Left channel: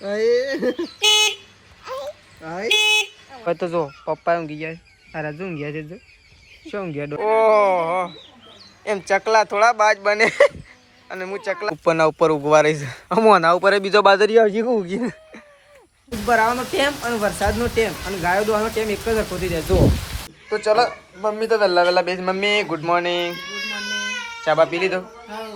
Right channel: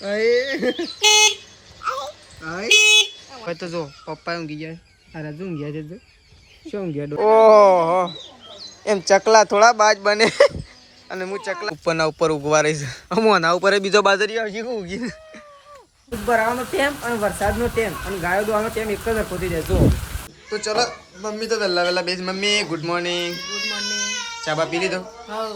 હવે તો જો પપ્પા ઊંઘી ગયા. આ રાજુ ઊંઘ્યા છે. શું ઊંઘ્યા? ઓહો, એમ ચકલા થોડા બાજ બને. અને હું ચકલા ઉપરના ઉપર ઉગવા રહીશ. આના ઉપર બીજો બાજરી આવશે. ઉગી ભરાવાનો ટેમ અને વરસાદનો ટેમ અને ગાયો દોવાનો ટેમ એક જ સરખો થઈ જાય. જો તો ચલો મમ્મી તો વહેલા વહેલા બેસ. Mummy good morning. Good morning. ચા બા પી લીધો? હા.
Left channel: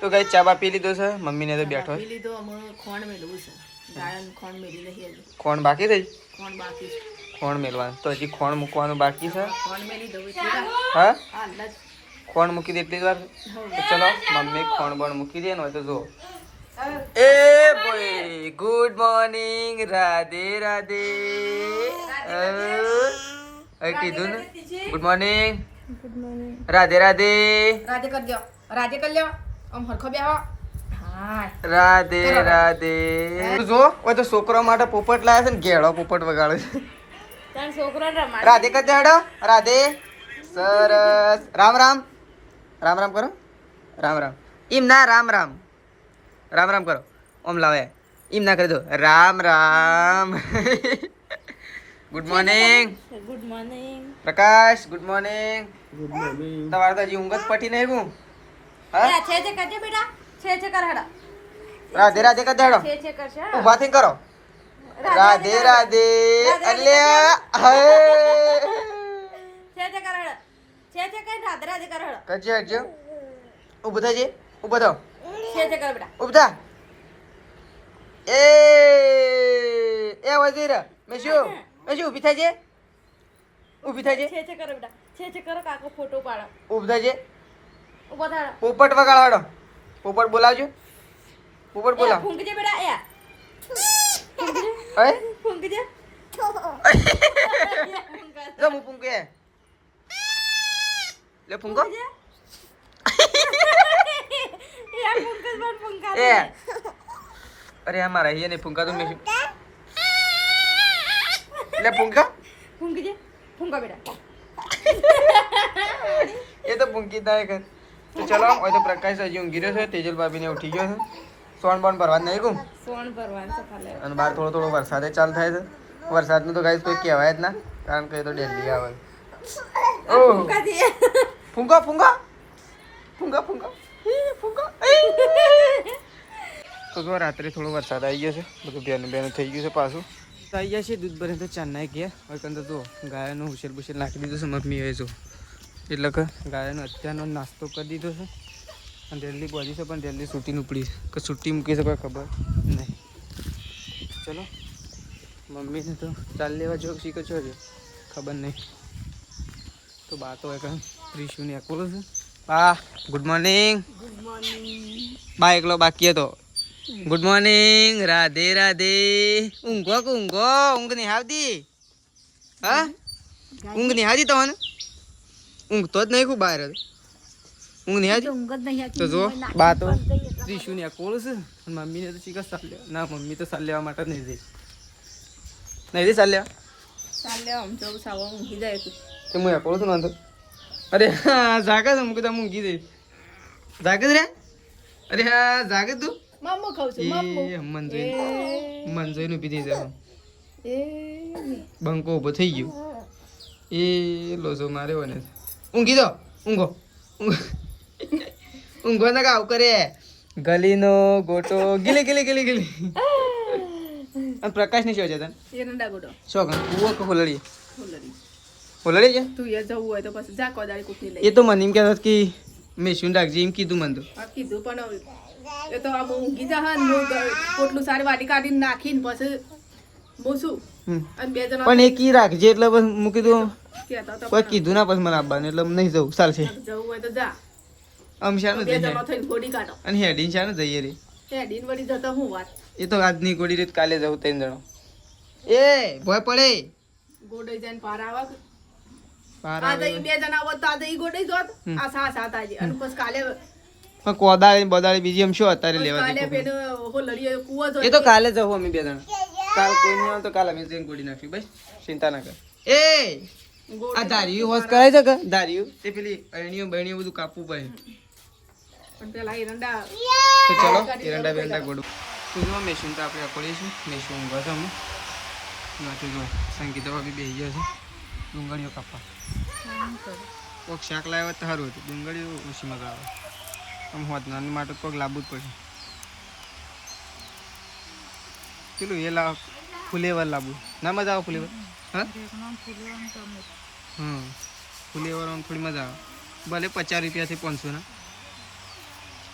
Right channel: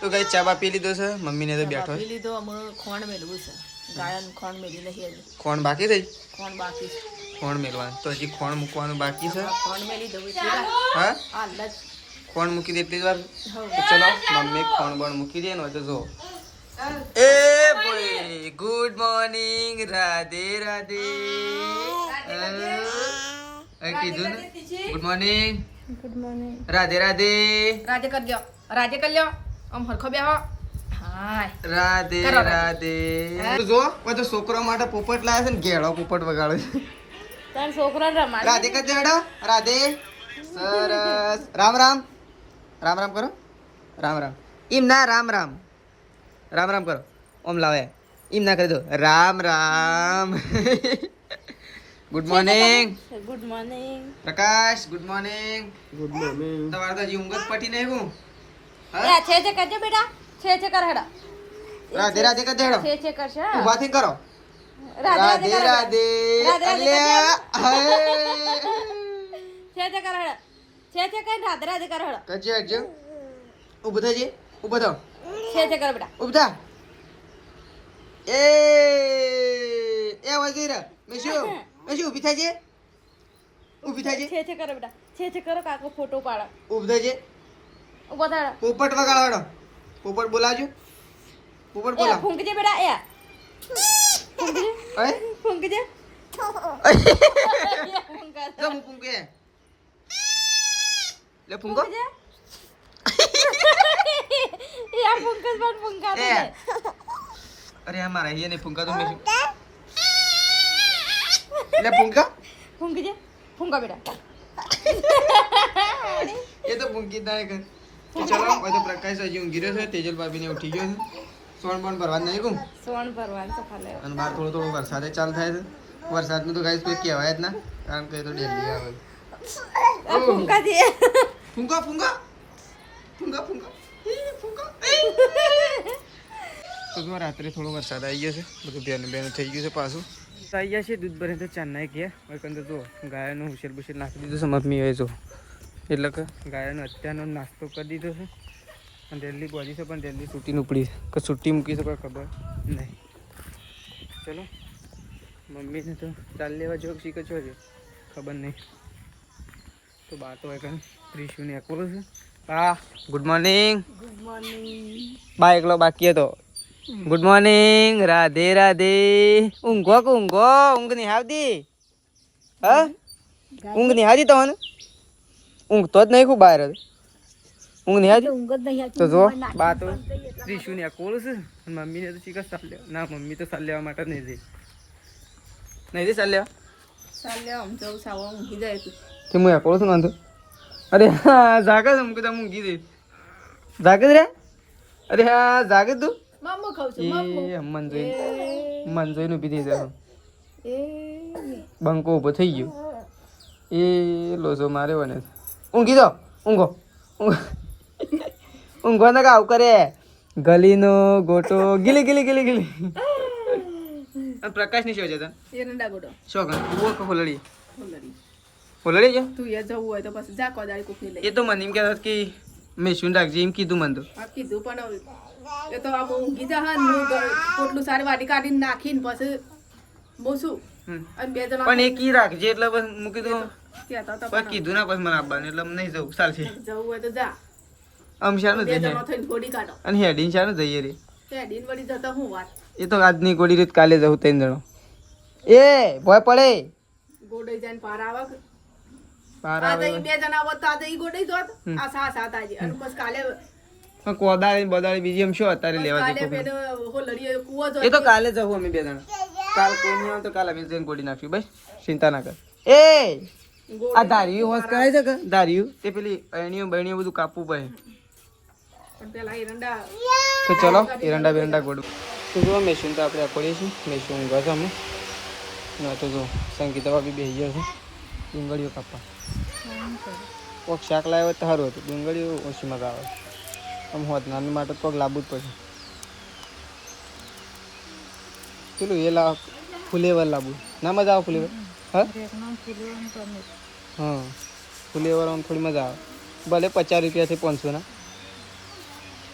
તો કઈ ચા બા પી લીધો છે? મમ્મીને તો બેઠો પી લીધો. અમે ખોણ મેળવું છે. ગાયનું ખોણ મેળી નહીં. ખોણ બાકી થઈ? ખોણ બાકી છે. ખોણ મેળવાનું તો હજી ખોણ મૂકવાનું બાકી છે. ખોણ મેળી દઉં એટલે હા હાલ જ ખોણ મૂકી દે એટલી જ વાર. તો ચલો મમ્મી ખોણ બણ મૂકી દે ને હોય તો જો. એ boy good morning. Radhe Radhe. કીધું ને good morning. Good morning. Radhe Radhe. Radhe કરજો. રાધે કરી લ્યો. આમ હરખો બેહો. હાય રાધે રાધે. જો ઓય તો છોકરો માટે પોપટ લાયા છે ને ઘેડો પોપટ વગાડે છે. તાર છોકરો રમાય. રાધે કરજે હેડો. રાધે. સરસ. રામ રામ. રામ રામ કરો. રામ રામ. એમ ના રામ રામ. રામ રામ કરો. ઓમ લાવે એમ ના કરી દો. Ram Ram. Good morning. Good morning. Prakash good morning. Good morning. તમારે તો હજી ઊંઘ જ પટી નહીં હું. હા છે કરજે બેટા. છે કર હેડા. રાધે રાધે કરજે હેડો. છે કરશે. ઊભા થઈને કરો. રાધે રાધે. અલ્યા હે છે કર હેડા. છે કઈ રાધે રાધે કર હેડા. કરજે હટજો. ઊભું થજે. ઊભો થો. છે કર બેટા. ઊભું થા. એ વજીર મેશુ ઊભી થજે. ઊભી થજે. છે કર બેટા. છે કરો કાકો ફોટો પાડો. ઊભી થજે. ઉભો થા. પોપટ વગાડો. પોપટ બોલાવજો. પોપટ બોલાવ. ફૂંકજે બેટા. એ હે ફૂંકજે. લો હું ફૂંકે. લે ફૂંકો. એ અરે અમારા ये नहीं फूंका तुम नहीं. ले फूंका. ફૂંકજે. ફૂંકા બેટા. ये तो फूंकी दाए कर. તો ચલો હોય તો પ્રકાશ હજી ઊંઘી રહ્યો છે. તેજલ ભાભીને ઉઠી ગયો છે. સોન બોન ભરવા નહીં કહું. સોન ભરવાનું છે ખાલે. અને બહાર થોડો થોડો વરસાદ ચાલુ થાય છે. વરસાદનું તો ગાઈસ કોઈ કહેવાય જ ના, કારણ કે એ તો ડેલી આવે. ફૂંકા દે. ફૂંકા ફૂંકા ફૂંકા ફૂંકા ફૂંકા. તો જો રાત્રે થોડો વરસાદ આવી ગયો છે. બધું બેનું બેનું થઈ ગયું છે પાછું. આવી ગયા છે દૂધ ભરે તો ચાંદના ગયા. હવે કંઈ તો ગાયનો હુશેર બુશેર નાખી દીધો છે મમ્મી. હવે જો એટલે કે ગાયનો અત્યારનો નાસ્તો કરી દીધો છે. અને જલ્દી પહોંચી છે પણ જલ્દી છૂટીને ઉપડી છે કે છૂટી મૂકી છે કોઈ ખબર નહીં. ચલો મમ્મીને તો ચાલ લેવા જો શીખો છો હજુ ખબર નહીં. તો બા તો કંઈ ત્રીસુને એકોલો છે. બા ગુડ મોર્નિંગ. Good morning. બા એકલો બાકી હતો. Good morning. રાધે રાધે. ઊંઘો કે ઊંઘો. ઊંઘ નહીં આવતી? હા ઊંઘ નહીં આવતી તમને? ઊંઘ તો જ નહીં ખૂબ બહાર હતી. ઊંઘ નહીં આવતી? તો જો બા તો ત્રીસુને એકોલો છે. અને મમ્મીને તો શીખર સાલ લેવા. ના મમ્મી તો સાલ લેવા માટે નહીં જઈ. નહીં જઈ સાલ લેવા. ચાલે આમ જવું સાવા ઊંઘી જાય તું. કે હું એકોલો છું નાંધો. અરે હા જાગે છે. મૂકી દઉં ઊંઘી જઈશ. જાગે જ રે. અરે હા જાગે તું. મામો ખાવ છું. એ મન જોઈને ઊભી થઈ જાય. બંકો ઊભો થઈ ગયો. એ લોસો મારે બને. ઊંઘી દો. ઊંઘો ઊંઘો ને કાવ કરે. ગલીનો ગોટો ગીલી ગીલી ગીલી ગીલી. અને પ્રકાશ ની શું છે તને? એરંડા ગોડો. શું કણ ઉવો કે હોલડી? હોલડી. હોલડી છે? તું એ જવું હોય તો પછી જા કોદાળી કુકની લઈ. એ તો મને એમ કહેતો કે મેં શું રાખજે એમ કીધું મને તો. આ કીધું પણ એ તો આમ ઊંઘી જા હા હું પોટલું સારી વાટી કાઢીને નાખીને પછી બોસું અને બે જણા પણ એ કી રાખજે એટલે બસ મૂકી દઉં. કહેતા તો પછી કીધું ના પછી મને આપવાનું એટલે નહીં જવું ચાલશે. જવું હોય તો જા. આમ શાનું બે જઈએ જણા થઈને ગોડી કાઢો. અને હેડીને શાનું જઈએ રે. હેડીને વળી જતા હું વાત. એ તો આજની ગોળી રીત કાલે જવું ત્રણ જણો. એ ભય પડે. ગોડાઈ જાય પાર આવે. પાર આજે આવે બે જણા આવો તો આજે ઈ ગોડાઈ જોત. આ સાત આજે અને પછી કાલે પણ કોદાળી બદાળી બીજી એમ શું અત્યારે લેવા કાલે દે. પેલો હોલડીયો કૂવો જો. એ તો કાલે જવું અમે બે જણા. કાલ કોઈ નહીં આવે તો કાલે અમે જઈને ગોળી નાખ્યું. બસ ચિંતા ના કર. એ આ ધાર્યું હોશ કરે છે કે ધાર્યું તે પેલી અણીઓ બણીઓ બધું કાપવું પડે. પણ પેલા એરંડા તો ચલો એરંડા બેરંડા ગોળું. તો જો મેશીન તો આપણે અકોડીએ છીએ, મેશીન ઊંઘા છે અમે. ના તો જો સંગીતા બી બેસી ગયા છે. ડુંગળીઓ કાપવા કોઈક શાક લાવ્યો તો સારું હતું. ડુંગળીઓ ઓછી મજા આવે. આમ હોત નાની માટે કોઈક લાવવું જ પડે. પેલું એ લાવ ફુલેવર લાવવું ના મજા આવે ફુલેવર. હા હા ફુલેવર આમ થોડી મજા આવે. ભલે 50 રૂપિયાથી 500 ના.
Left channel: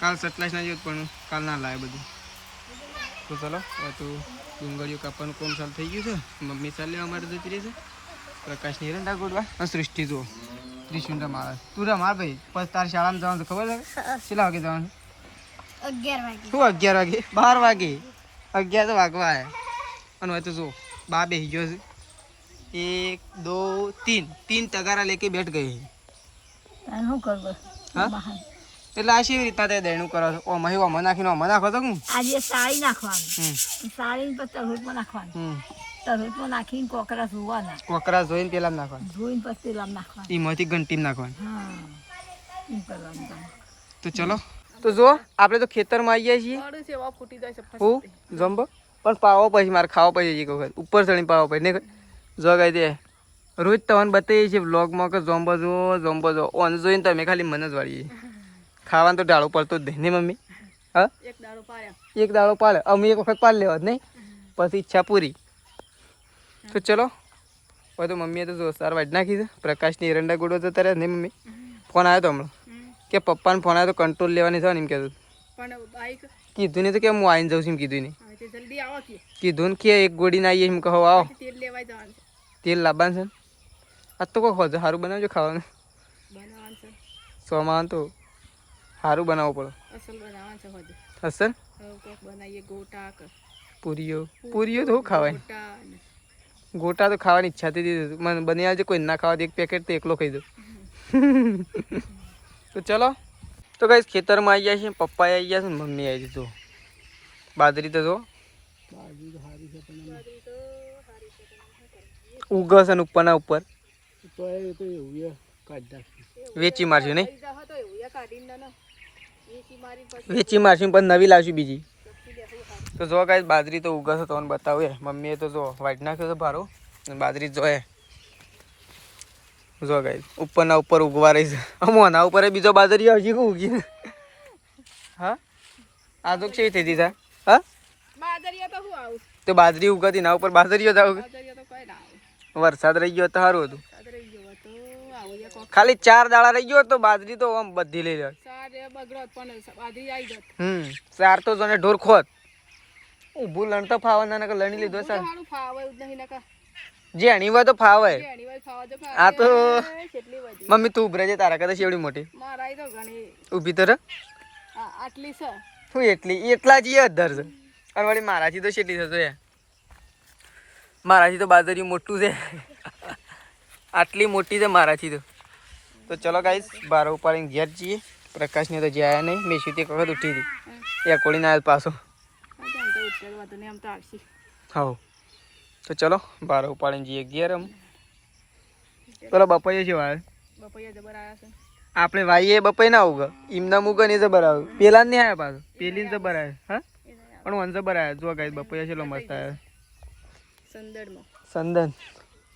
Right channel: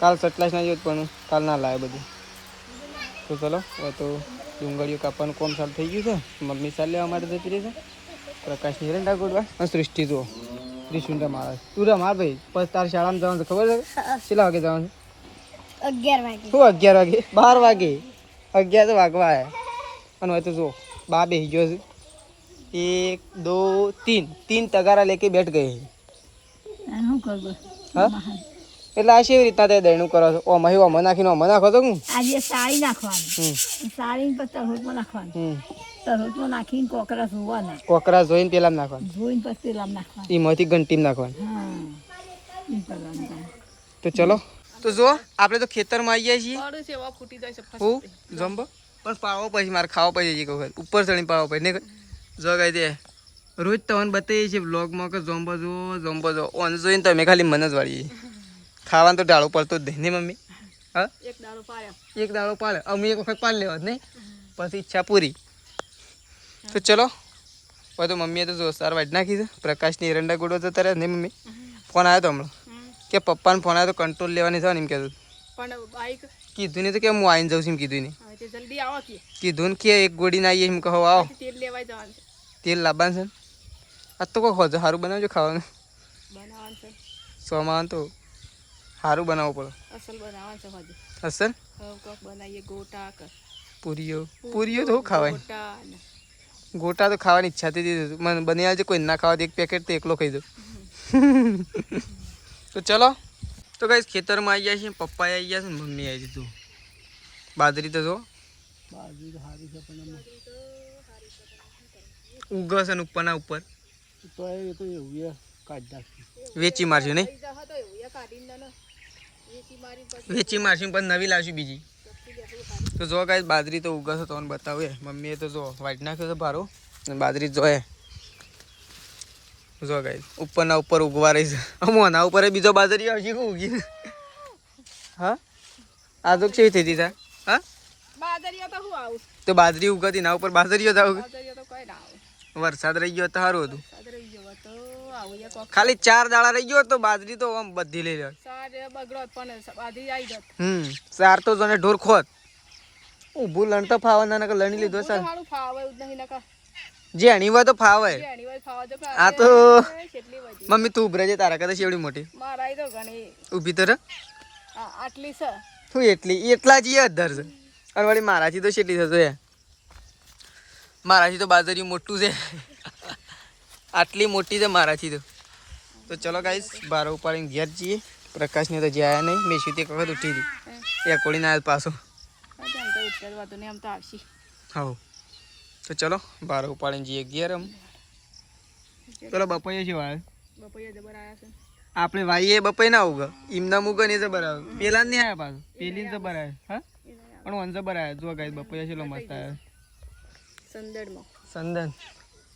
કાલ 27 ના જોત પણ કાલ ના લાવે બધું. તો ચલો હવે તો ડુંગળીઓ કાપવાનું કોમ ચાલુ થઈ ગયું છે. મમ્મી ચાલ લેવા માટે જતી રહી છે. પ્રકાશની રંડા ગોડવા અને સૃષ્ટિ તો ત્રિશુન રમા. તું રમા ભાઈ પછી તારી શાળામાં જવાનું ખબર છે? કેટલા વાગે જવાનું? 11 વાગે. શું 11 વાગે? 12 વાગે. 11 તો વાગવા આવ્યા. અને હવે તો જો બા બેસી ગયો છે. 1 2 3 તગારા લેકે બેઠ ગયે. શું કરવું? હા એટલે આ કેવી રીતના તે દૈણું કરો છો? ઓમાં ઓમાં નાખીને ઓમાં નાખો તો હું આજે સાળી નાખવાનું. સાળી પછી તરોટમાં નાખવાનું. તરોટમાં નાખીને કોકરા ધોવાના. કોકરા ધોઈને તેલામાં નાખવાનું. ધોઈને પછી તેલામાં નાખવાનું. એમાંથી ઘંટીમાં નાખવાનું. હા એ કરવાનું. તો ચલો તો જો આપણે તો ખેતરમાં આવી ગયા છીએ. ફૂટી જાય છે હું જમ્બો પણ પાવો પછી મારે ખાવા પછી એક વખત ઉપર ચડીને પાવો પછી નહીં જો કઈ દે રોજ તમને બતાવીએ છીએ બ્લોગમાં કે જોમ્બો જો ઓન જોઈને તમે ખાલી મને જ વાળીએ. ખાવાનું તો ડાળો પડતો જ નહીં મમ્મી. હા એક દાડો પાડે અમે એક વખત પાડ લેવા જ નહીં પછી ઈચ્છા પૂરી. તો ચલો હવે તો મમ્મીએ તો જો સાર વાઢ નાખી છે. પ્રકાશની એરંડા ગોળો જતા રહ્યા નહીં મમ્મી. ફોન આવ્યો તો હમણાં કે પપ્પાને ફોન આવ્યો તો કંટ્રોલ લેવાની છે ને એમ કહેતું. કીધું નહીં તો કે હું આવીને જાઉં છું એમ કીધું નહીં. કીધું ને કે એક ગોળી ના આવીએ એમ કહો આવો. તેલ લાવવાનું છે. આ તો કોઈ હોજો સારું બનાવજો ખાવાનું. સોમાં તો સારું બનાવવું પડે. અસલ પૂરીઓ તો ખાવાય. ગોટા તો ખાવાની ઈચ્છા થઈ હતી મને બની આવજે. કોઈ ના ખાવા એક પેકેટ તો એકલો ખાઈ દઉં. તો ચલો તો કઈ ખેતરમાં આવી ગયા છે. પપ્પા આવી ગયા છે ને મમ્મી આવી છે. તો બાજરી તો જો ઉગસ અને ઉપરના ઉપર વેચી મારશું નહીં. વેચી મારશું પણ નવી લાવશું બીજી. તો જો કાંઈ બાજરી તો ઉગશે તો બતાવું. મમ્મીએ તો જો વાઈટ નાખ્યો તો ભારો બાજરી જોઈએ. જો કાંઈ ઉપરના ઉપર ઉગવા રહી છે. આના ઉપર બીજો બાજરી આવશે કે ઉગી. હા આ તો કેવી થઈ હતી હા તો બાજરી ઉગતી ના ઉપર બાજરીઓ જ આવું. વરસાદ રહી ગયો તો સારું હતું. ખાલી 4 દાડા રહી ગયો તો બાજરી તો આમ બધી લઈ લે. 4 તો જોને ઢોર ખોત ઊભું લણ તો ફાવે ના લણી લીધો સર જે અણીવા તો ફાવે. આ તો મમ્મી તું ઉભરે છે તારા કદાચ એવડી મોટી ઊભી તો આટલી છે. શું એટલા જ અધર છે. અને વળી મારાથી તો કેટલી થશે? મારાથી તો બાજરી મોટું છે. આટલી મોટી છે મારાથી તો. તો ચલો ગાઈસ બાર ઉપાડીને ઘેર જઈએ. પ્રકાશને તો જ્યાં નહીં. મેં સીધી એક વખત ઉઠી હતી એ કોળી ના પાછો. હા તો ચલો બાર ઉપાડીને જઈએ ઘેર. એમ ચલો બપોરે છે વાય આપણે વાઈએ બપોરે ના ઉગા એમના મુગા ને જબર આવે. પેલા નહીં આવ્યા પાછું પેલી ને જબર આવે. હા પણ વન જબર આવે. જો ગાઈસ બપોરે છે મસ્ત આવે.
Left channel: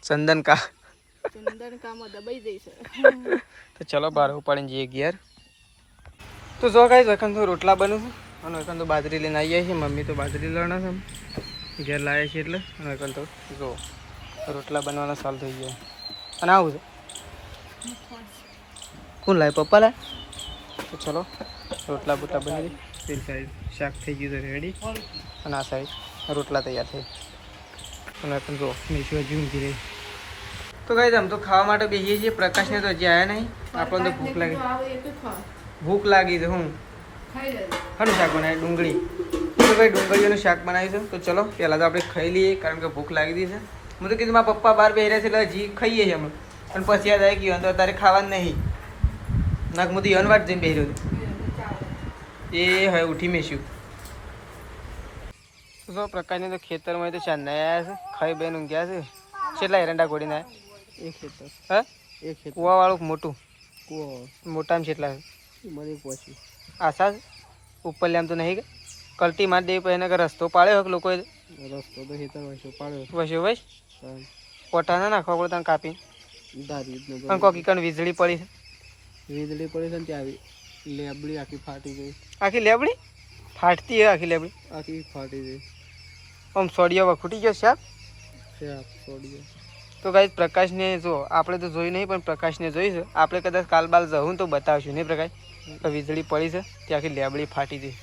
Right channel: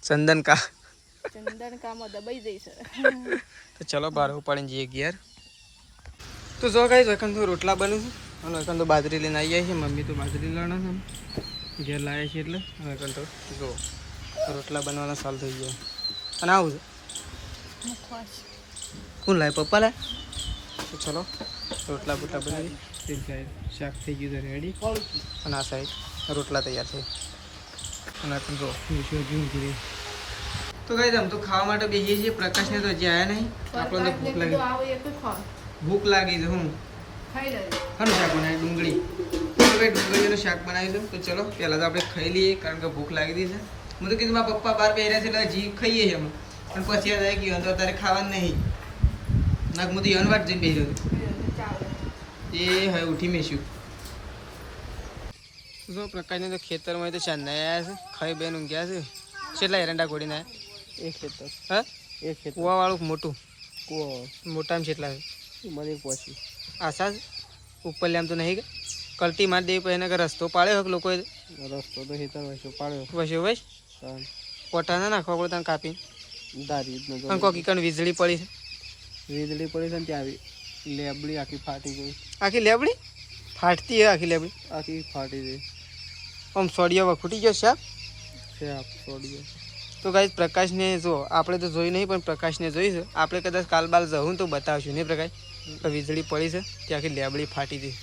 ચંદન કા તો ચલો બાર ઉપાડીને જઈએ ઘેર. તો જો ગાઈસ વખત તો રોટલા બને છે અને વખત તો બાજરી લઈને આવી જાય છે. મમ્મી તો બાજરી લણે છે ઘેર લાવે છે એટલે. અને વખત તો જો રોટલા બનવાના ચાલુ થઈ ગયા. અને આવું છે કોણ લાવે? પપ્પા લાવે. તો ચલો રોટલા બોટલા બની તે સાઈડ શાક થઈ ગયું છે રેડી. અને આ સાઈડ રોટલા તૈયાર થઈ. અને વખત જો મીઠું હજી ઊંઘી રહી. તો ગાઈસ આમ તો ખાવા માટે બેસીએ છીએ. પ્રકાશને તો હજી આવ્યા નહીં. આપણને તો ભૂખ લાગી છે. હું શાનું શાક બનાવ્યું? ડુંગળી. તો ભાઈ ડુંગળીઓનું શાક બનાવ્યું છે. તો ચલો પહેલાં તો આપણે ખાઈ લઈએ કારણ કે ભૂખ લાગી હતી છે. હું તો કીધું મારા પપ્પા બહાર બેહ્યા છે એટલે હજી ખાઈએ છીએ અમે. પણ પછી યાદ આવી ગયું તો તારે ખાવાનું નહીં. નાક હું તો યનવાટ જઈને બેહ્યો હતો. એ હવે ઉઠી મેશું. તો પ્રકાશને તો ખેતરમાં તો ચાંદા આવ્યા છે. ખાઈ બેન ઊંઘ્યા છે. કેટલા એરંડા ગોળીને આવ્યા? એક ખેતર. હા એક ખેતર કુવાવાળું મોટું કુવા મોટામાં કેટલા છે? મને પહોંચી આશા ઉપર લેમ તો નહીં કે કલ્ટી માર દેવી પછી એના રસ્તો પાડ્યો લોકોએ રસ્તો તો હેતર વચ્ચે પાડ્યો વસ્યો ભાઈ પોટા ના નાખવા પડે ત્યાં કાપી દારી પણ કોકી કણ વીજળી પડી છે વીજળી પડી છે ને ત્યાં આવી લેબડી આખી ફાટી ગઈ આખી લેબડી ફાટતી હે આખી લેબડી આખી ફાટી ગઈ આમ સોડિયો વખૂટી ગયો સાહેબ છે આપ છોડી તો ગાઈસ પ્રકાશને જો આપણે તો જોઈ નહીં પણ પ્રકાશને જોઈશું આપણે કદાચ કાલ બાલ જવું તો બતાવશું નહીં પ્રકાશ તો વીજળી પડી છે ત્યાં આખી લેબડી ફાટી હતી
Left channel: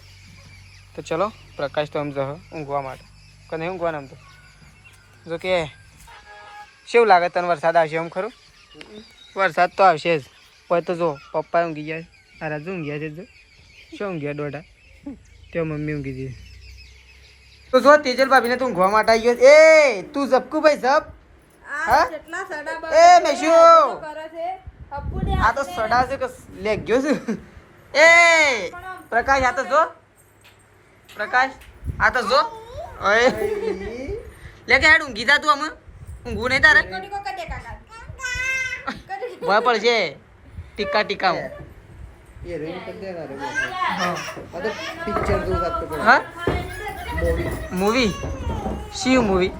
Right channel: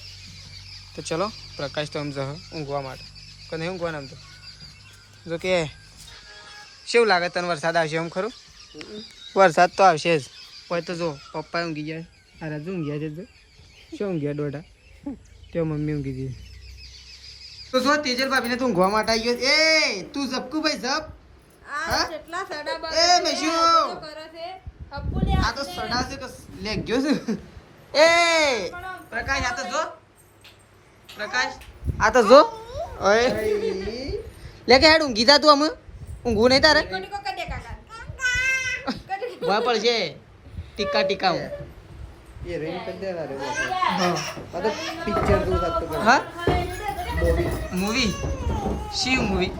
તો ચલો પ્રકાશ તો આમ જહ ઊંઘવા માટે કે નહીં ઊંઘવાના આમ તો જો કે કેવું લાગે તને વરસાદ આવશે એમ ખરું વરસાદ તો આવશે જ હોય તો જો પપ્પા ઊંઘી જાય આ રાજુ ઊંઘ્યા છે જો શું ઊંઘ્યા દોઢા તે મમ્મી ઊંઘી હતી તો જો તેજલ ભાભીને તું ઊંઘવા માટે આવી ગયો એ તું ઝપકુ ભાઈ ઝપ હા એ મેશુ આ તો સડા છે કે લે ગયો છે એ પ્રકાશ આ તો જો પ્રકાશ આ તો જો ઓય લે કે હેડ ઊંઘી જા તું આમ ઊંઘવું નહીં તારે ભય પડશે ટીકા ટીકા હું ये रेन कर दे रहा रे हां मतलब पिक्चर दो रात को હા मूवी મૂવી શિવ મૂવી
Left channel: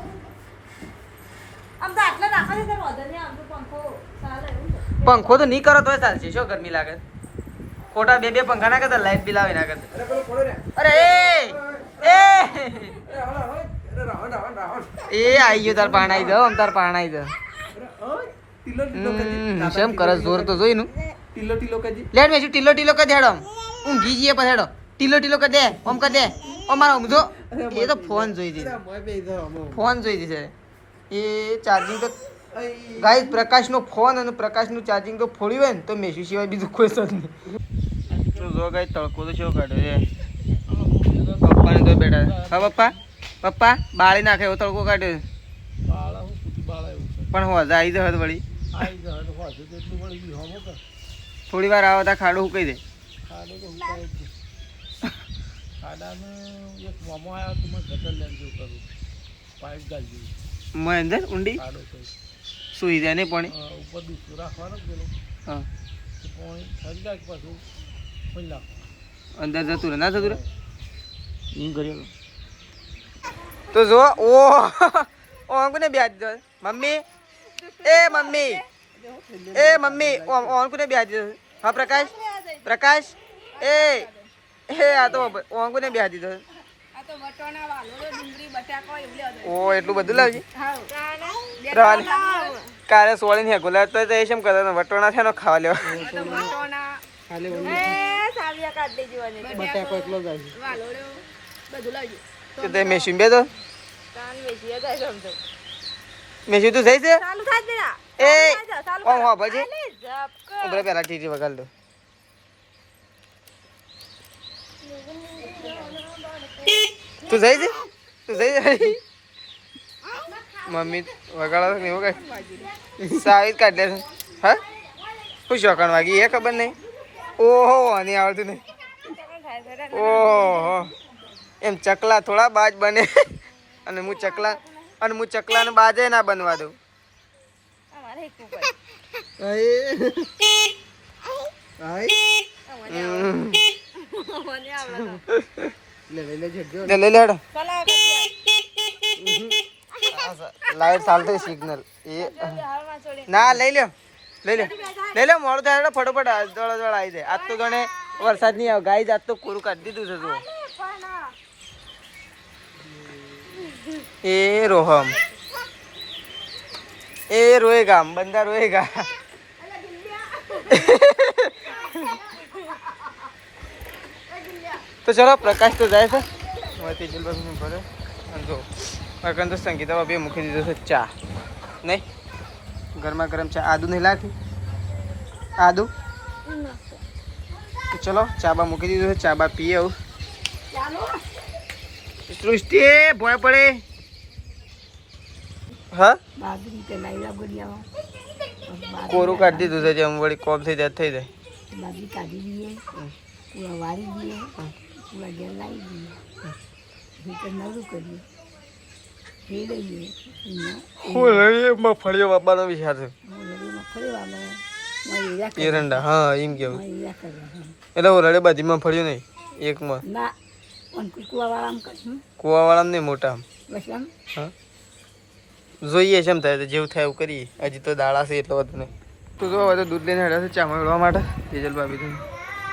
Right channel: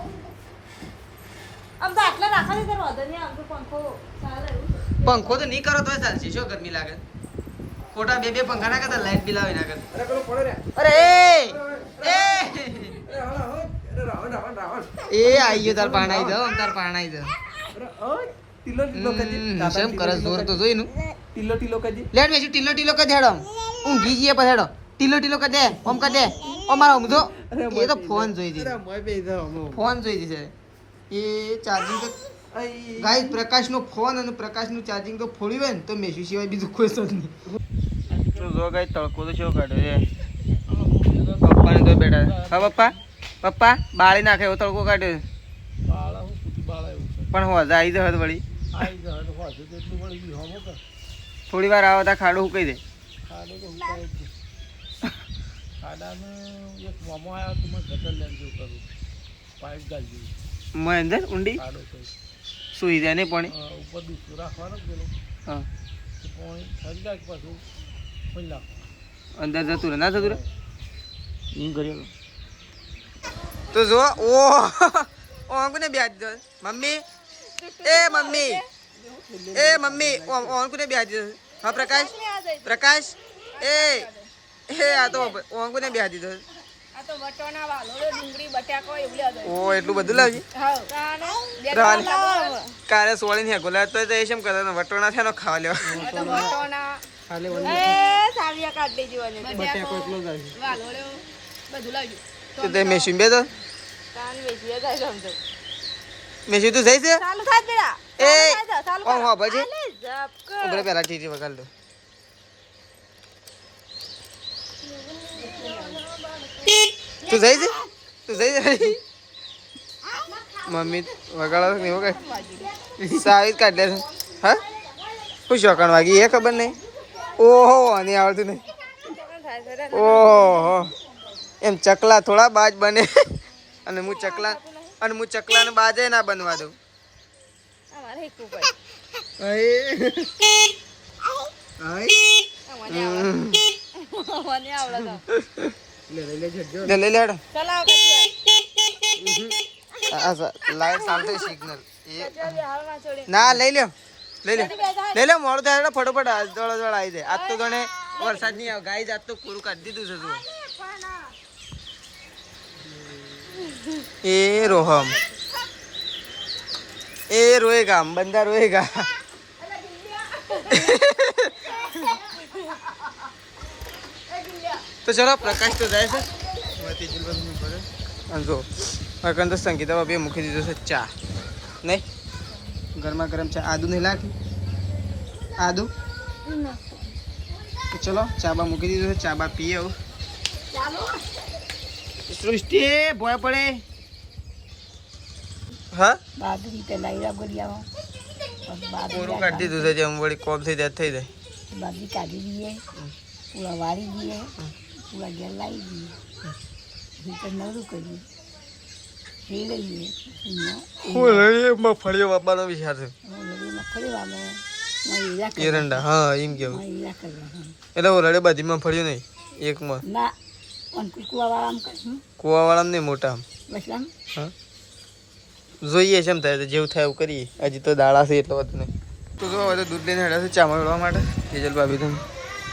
પંખો તો નહીં કરો તોય ચાલશે શું ગરમી લાગે ખોટા બે બે પંખા ના કરતા લાઈટ બિલ આવે ના કરતા अरे बोलो पड़ो रे અરે એ अरे रावण रावण रावण એ આઈ ગયો તાર પાણાઈ જાવ આમ તાર પાણાઈ જાવ अरे ओए टिलो टिलो कजी શેમ કરસ જોર તો જોઈ નું टिलो टिलो कजी લેટ મેસુ ટીલો ટીલો કર દેડો ઊંઘી જઈએ પછી હેડો ટીલો ટીલો કર દે ઓમ કર દે ઓ મારો ઊંઘો એ તો ફોન જોઈ દી अरे मैं पे इधर हम ફોન જોઈ દી છે એ ચાર્જિંગ તો ગાઈસ પ્રકાશનો ફોન અને પ્રકાશનું ચાર્જિંગ તો ફોડ્યું હોય ને તો મેસુ સિવાય બીજું કોઈ સજ નહીં તો જો ગાઈસ તડકો તો શું કાઢ્યો છે પપ્પાને તો બેઠા હા પપ્પા પપ્પા બાળી નાખે એવો તડકો કાઢ્યો बाळा हूं कुटी बाळा પણ હોજા આવી જહત વળી आई जा तो हो तो એટલું વળી ગયું હમો કે થોડી વાર આવો તા ખાડો હુકાઈ દે ખાડો તો ઉતારે જ ખાડામાં એક મામો આવ્યો તો મેં ગટર લેન જેવું કરું પાઇપ ગાળી મેં અંદર ઊંડી ખાડો છે સુઈ જાય નહીં પાણી ઉપર દૂસરું રાખવાનો પેલો હા તો પાણી ખરી જાય પાછું પણ નાખો અંદર જતું રહે ના જતું રહે એમ કરી તો જો ઓ ઓન કોને બ્યાજ દો મમ્મી એ મમ્મી ઓન કોને બ્યાજ દો હા પ્રકાશ પ્રકાશ એ આ તો ઓન કોને બ્યાજ દીધો ઓ એટલું બધું લાવજી રાલ કાલે સોળી ને ગોલા તો એ શેમ કરવાનો વટોણા છે નો ખાવા લેવા ખાલે વળી બટાકો એટલો જાય તો તે મેશીન બે તો મેશીન તું જઈ છે એ ઓમ હો પછી ઉભરે પેલા ટીટી વગાડ દો તું જઈ છે તું જઈ છે મમ્મી વગાડો નહીં વગાડ સાવી કાઢ લે હા શું શોખણ વાગી એ ખબર નહીં ઓહો આની આવડતું નહીં ઓહો એમ ચકલા થોડા બાજ બને અને હું ચકલાને બાજે ના બનવા દઉં લઈ લે લાઈટ ચાલતો સિગ્નલ એ ના લઈ લો મોડું થાય ફટોફટ દોડ આવી જાય આજ તો ગણે વરસાદ નહીં આવે ગાય આજ તો કોરું કાઢી દીધું છે તું એ રોહમ એ રોએગા બંદા રોએગા તો ચલો પ્રકાશ તો જાય છે જો અકન તો સંગીતા બાબીએ મૂકી દીધો છે ચા નહીં ગરમા ગરમ ચા આદુ નહીં લાગતી આદુ તો ચલો ચા બા મૂકી દીધું છે ચા બા પીએ આવું સૃષ્ટિ ભોય પડે હા કોરું કાઢી દીધું છે જેમ વળી કોમ થઈ જાય થઈ જાય બાજરી કાઢી દઈએ પૂરા વાળી દઈએ પૂરા ઘેર લાવી દઈએ હીટર નવરું કરીએ મગફળીઓ બાપાનો વિચાર છે એરંડા હા એમ કેવું એટલે ઓરડે બધી મગફળીઓ નહીં એકમાં ના અને કુવાવાળામાં કરીશું કુવાવાળામાં નહીં મોટા આમ. બસ આમ હા જોઈએ છે એમ થાય તો જેવું થાય એવું કરીએ. હજી તો દાડા છે એટલે બધું નહીં. તો જો હવે તો દૂધ લઈને હેડા છે ચા મળવા માટે. તેજલ ભાભી તમે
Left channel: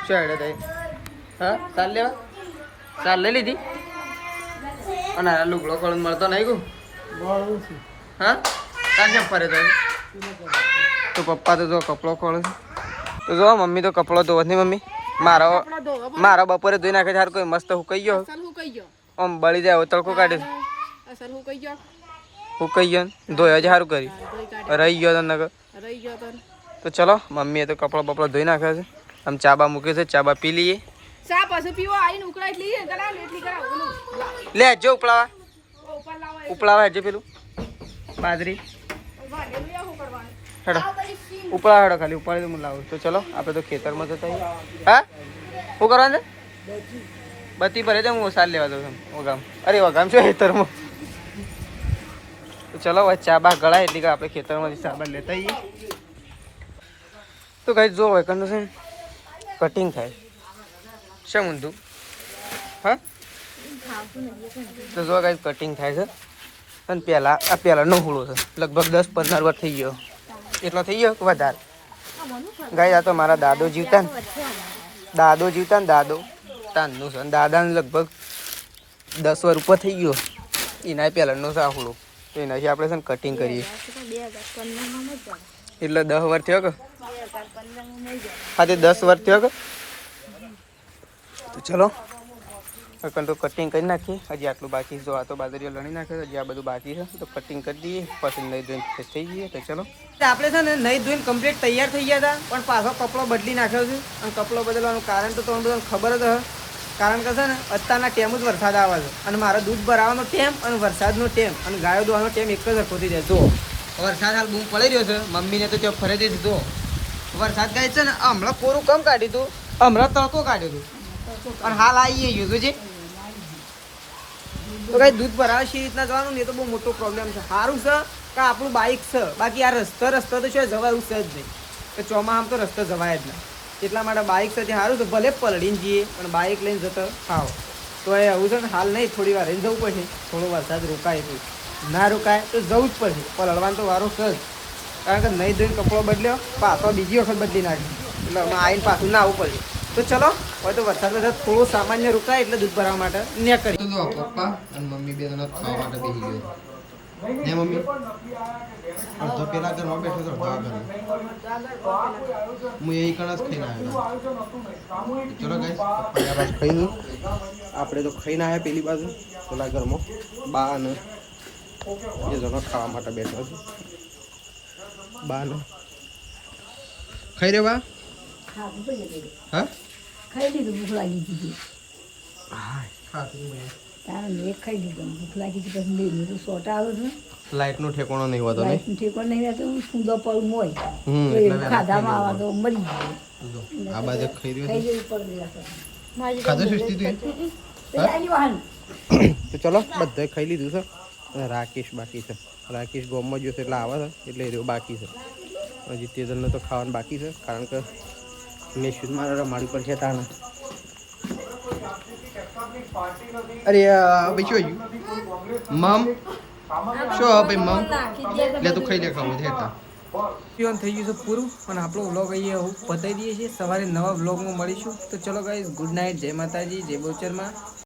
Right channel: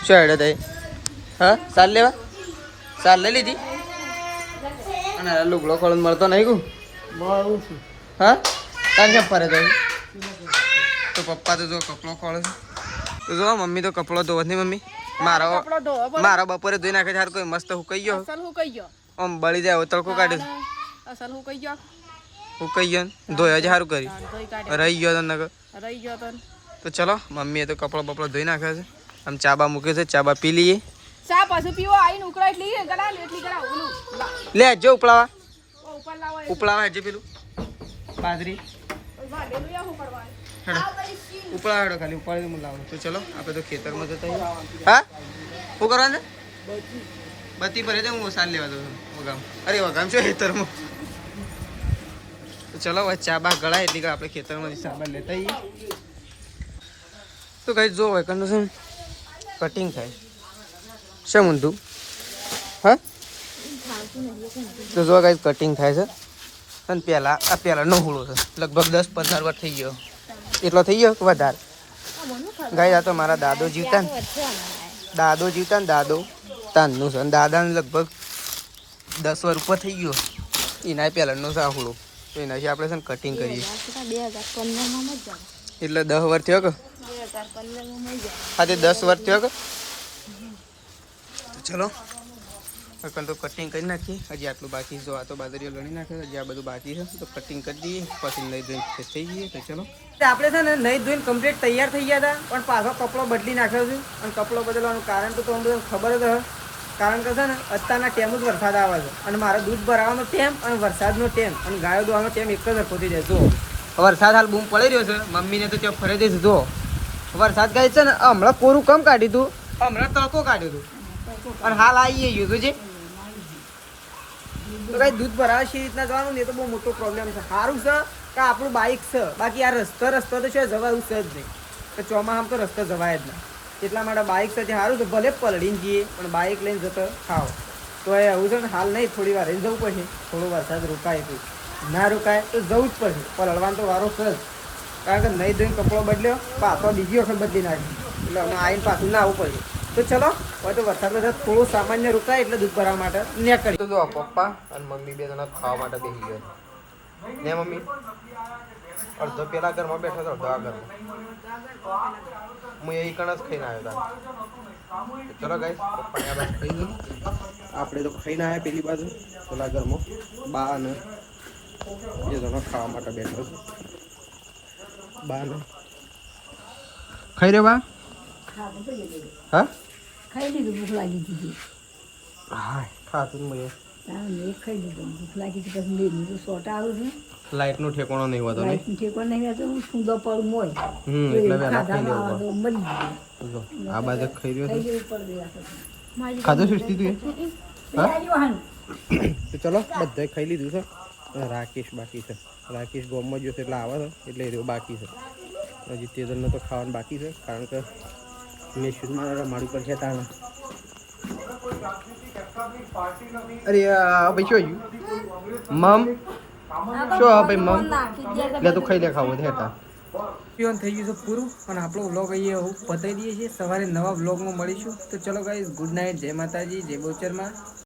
શું હેડા થાય? હા સાલ લેવા સાલ લઈ લીધી. અને આ લુગડો ખોળો મળતો નહીં ગયું. બહુ છું હા તાર કેમ ફરે તો તો પપ્પા તો જો કપડો ખોળે છે. તો જો મમ્મી તો કપડો ધોવે નહીં. મમ્મી મારો કપડો ધોવો પડે. મારો બપોરે ધોઈ નાખે સારું કોઈ મસ્ત હુકાઈ ગયો. અસલ હું કઈ ગયો આમ બળી જાય હવે તડકો કાઢ્યો અસલ હું કઈ ગયો હુકાઈ ગયો ને ધોયા જ સારું કરી. ધોઈ કાઢી રહી ગયો તો નગર. રહી ગયો તો તો ચલો મમ્મીએ તો કપડો બપડો ધોઈ નાખ્યો છે. આમ ચાબા મૂકે છે ચાબા પી લઈએ. ચા પાછું પીવો આવીને ઉકળાઈ જ લઈએ ગળા એટલી ગળા ઓલું લાવ લે જો ઉપલાવા ઓ ઉપર લાવો ઉપલાવા હજે પેલું બાજરી ભાડે લઈ આવું પડવાનું હેડો ઉપલા હેડો ખાલી ઉપર હું લાવું. તો ચલો આપણે તો ખેતરમાં જતા આવીએ. હા શું કરવાનું છે? બત્તી ભરે દે હું સાલ લેવા દઉં વગામ. અરે વગામ છો ખેતરમાં. તો ચલો હવે ચા બા ગળાય એટલી કે આપણે ખેતરમાંથી સાબા લેતા આવીએ. તો કઈ જો હોય કંડો કટિંગ થાય શું ઊંધું હા તો જો કઈ કટિંગ થાય છે. અને પહેલાંનો હુળો છે લગભગ 10-15 વર્ષ થઈ ગયો. એટલો થઈ ગયો કે વધારે? ગાય આ તો મારા દાદો જીવતા ને દાદો તાનનું છે. અને દાદાને લગભગ 10 વર્ષ ઉપર થઈ ગયો. એના પહેલાંનો છે આ હુળો. તો એનાથી આપણે છે ને કટિંગ કરીએ. એટલે 10 વર્ષ થયો કે હા તે 10 વર્ષ થયો કે. તો ચલો તો કટિંગ કરી નાખીએ. હજી આટલું બાકી જો આ તો બાજરીઓ લણી નાખ્યો. હજી આ બધું બાકી છે તો કટિંગ કરી દઈએ પછી નહીં ધોઈને ફ્રેશ થઈ જઈએ. તો ચલો આપણે છે ને નહીં ધોઈને કમ્પ્લીટ તૈયાર થઈ ગયા હતા પણ પાછો કપડો બદલી નાખ્યો છે. અને કપડો બદલવાનું કારણ તો તમને બધાને ખબર જ હશે. કારણ કે છે ને અત્યારના ટેમ જ વરસાદ આવે છે અને મારો દૂધ ભરાવાનો ટેમ અને વરસાદનો ટેમ અને ગાયો દોવાનો ટેમ એક જ સરખો થઈ જાય. જો વરસાદ હાલ બૂમ પડી રહ્યો છે. મમ્મીને તો ત્યાં ફરે જ જો વરસાદ ગાય છે ને હમણાં કોરું કમ કાઢ્યું હતું હમણાં તડકો કાઢ્યું હતું અને હાલ આવી ગયું હતું. જે તો કઈ દૂધ ભરાવે છે રીતના જવાનું ને એ તો બહુ મોટો પ્રોબ્લેમ છે. સારું છે કે આપણું બાઇક છે બાકી આ રસ્તો તો શું જવાયું છે જ નહીં. તો ચોમાસામાં તો રસ્તો જવાય જ ના. એટલા માટે બાઇક છે સારું છે ભલે પલળીને જઈએ પણ બાઇક લઈને જતો ખાઓ. તો એ એવું છે ને હાલ નહીં થોડી વાર રહીને જવું પડશે. થોડો વરસાદ રોકાય તો ના રોકાય તો જવું જ પડશે. પલળવાનો તો વારો છે જ. કારણ કે નહીં ધોઈને કપડો બદલ્યો પાછો બીજી વખત બદલી નાખી એટલે અમે આવીને પાછું ના આવવું પડશે. તો ચલો હવે તો વરસાદ થોડો સામાન્ય રોકાય એટલે દૂધ ભરવા માટે નીકળી. તો જો પપ્પા અને મમ્મી બે જણા ખાવા માટે બેસી ગયો ને. મમ્મી અડધો પેલા ઘરમાં બેઠો હતો અડધો આ ઘરમાં. હું એ કણ જ ખાઈને આવ્યો હતા. ચલો ગાઈસ પપ્પા આ બાજુ ખાઈ આપણે તો ખાઈને આવ્યા પેલી બાજુ પેલા ઘરમાં બા અને બે જણા ખાવા માટે બેઠો છે. બા ને ખાઈ રે બા હા ખાઈ લીધું ભૂખ લાગી હતી હા ખાતું મને તારે મેં ખાઈ લીધું ભૂખ લાગી હતી પછી મેં તો સોટા આવ્યો છું લાઇટનો ઠેકોણો નહીં હોતો. લાઈટ ઠેકો નહીં રહેતો સૂંદો પડું મોય ખાધામાં આવે તો મરી ગયો. આ બાજુ ખાઈ રહ્યો ખાઈ છે. જવું પડી ખાધું સુસ્તી તું તો ચલો બધાએ ખાઈ લીધું છે. રાકેશ બાકી છે. રાકેશ ગોમમાં જોશે એટલે આવે છે એટલે એ રહ્યો બાકી છે. હજી તેજલને તો ખાવાનું બાકી છે કારણ કે મેં શું મારા રમાડી પર છે તાણે. અરે ભાઈ શું આવ્યું મમ શું ભાઈ મમ લે તું ખાઈ લે ખાવું હેઠા પીવાનું થઈ ગયું છે પૂરું અને આપણો વ્લોગ અહીંયા પતાવી દઈએ છીએ. સવારે નવા વ્લોગમાં મળીશું. તો ચલો ગાઈઝ ગુડ નાઇટ. જય માતાજી જય બહુચરમાં.